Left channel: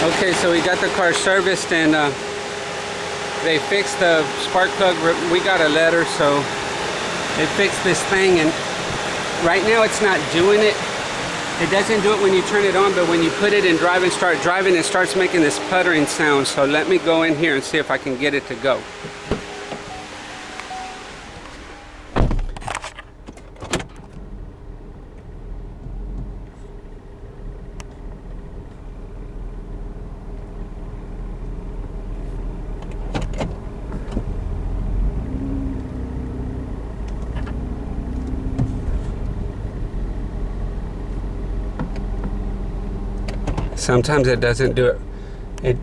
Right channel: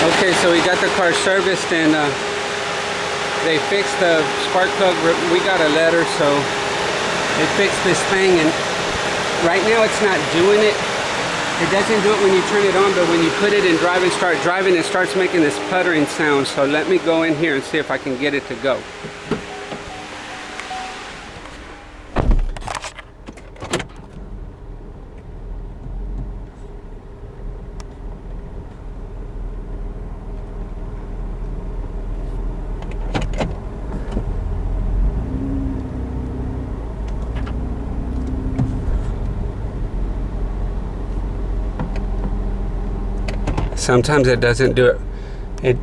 Okay, so we got the car serviced and they fixed the spark plug. We got a letter, so they fixed this thing, and right now it's not doing it. It doesn't do it when you turn it on, but when you put it in drive and start driving, it starts making this puttering sound. So let me go in here and see if I can get it to go. Sometimes it doesn't do it.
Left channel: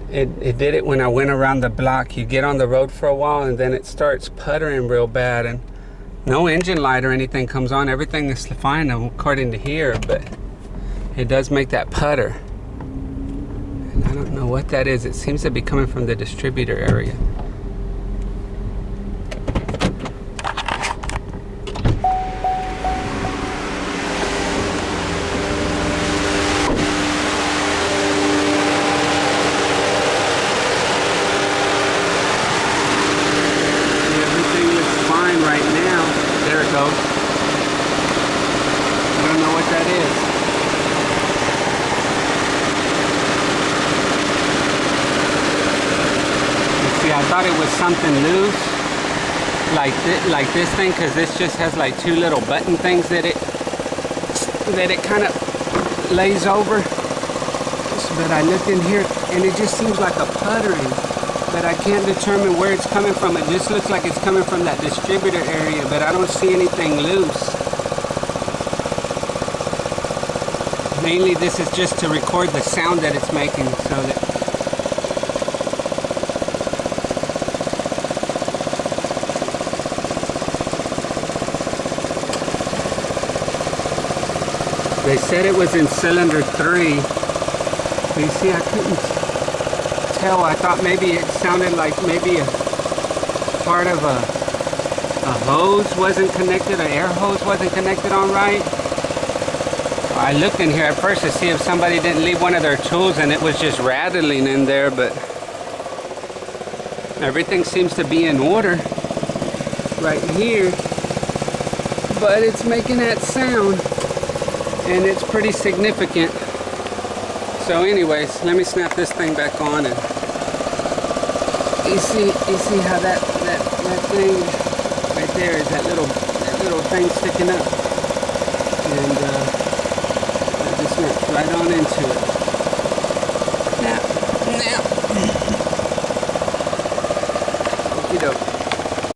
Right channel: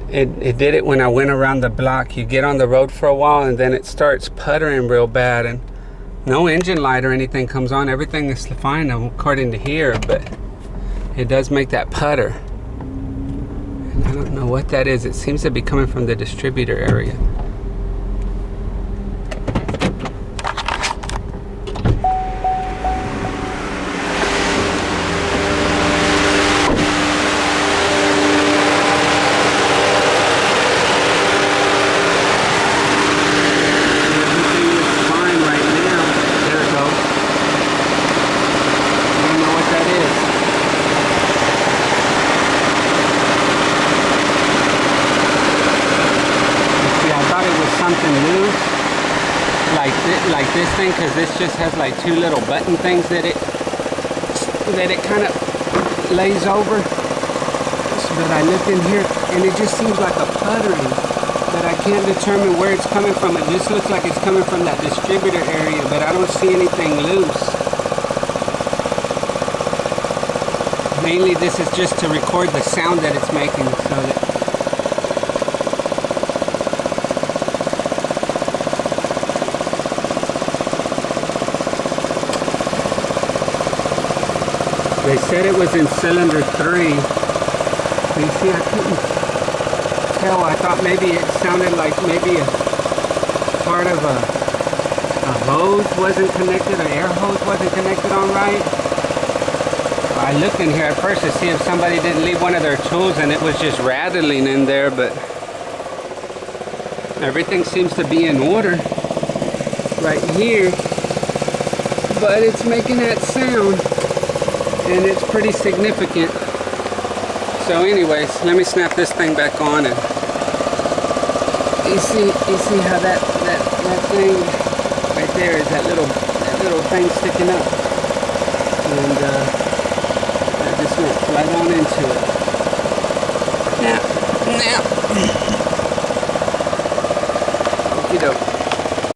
It did it when I went around the block. You get on the road for a while and then it starts puttering real bad, and no engine light or anything comes on. Everything is fine according to here, but it does make that putter. And I don't know what that is. It seems to be coming from the distributor area. Something loose like this thing, because this just has like two little button things that it kind of lays over. But I looked in here and it just seems like a puttering, but I can't determine where it's coming from. It just looks like it's coming from that distributor area, but I don't see anything loose. Mainly this is just to record the sound that it's making, so that they said it was in cylinder 3. But you see, I couldn't tell. I thought maybe it sounded like maybe a part of a hose wasn't connected, an air hose wasn't connected on right. I looked in here at first to see if somebody didn't leave one of their tools and it was just rattling in there, but everything seems to be in order right here. But it's making that sound, and it's pretty significant. So anyways, let me snap this thing back on, and you see how that thing right there is that little thing sticking up, and I just went right on into it. Now, okie doke.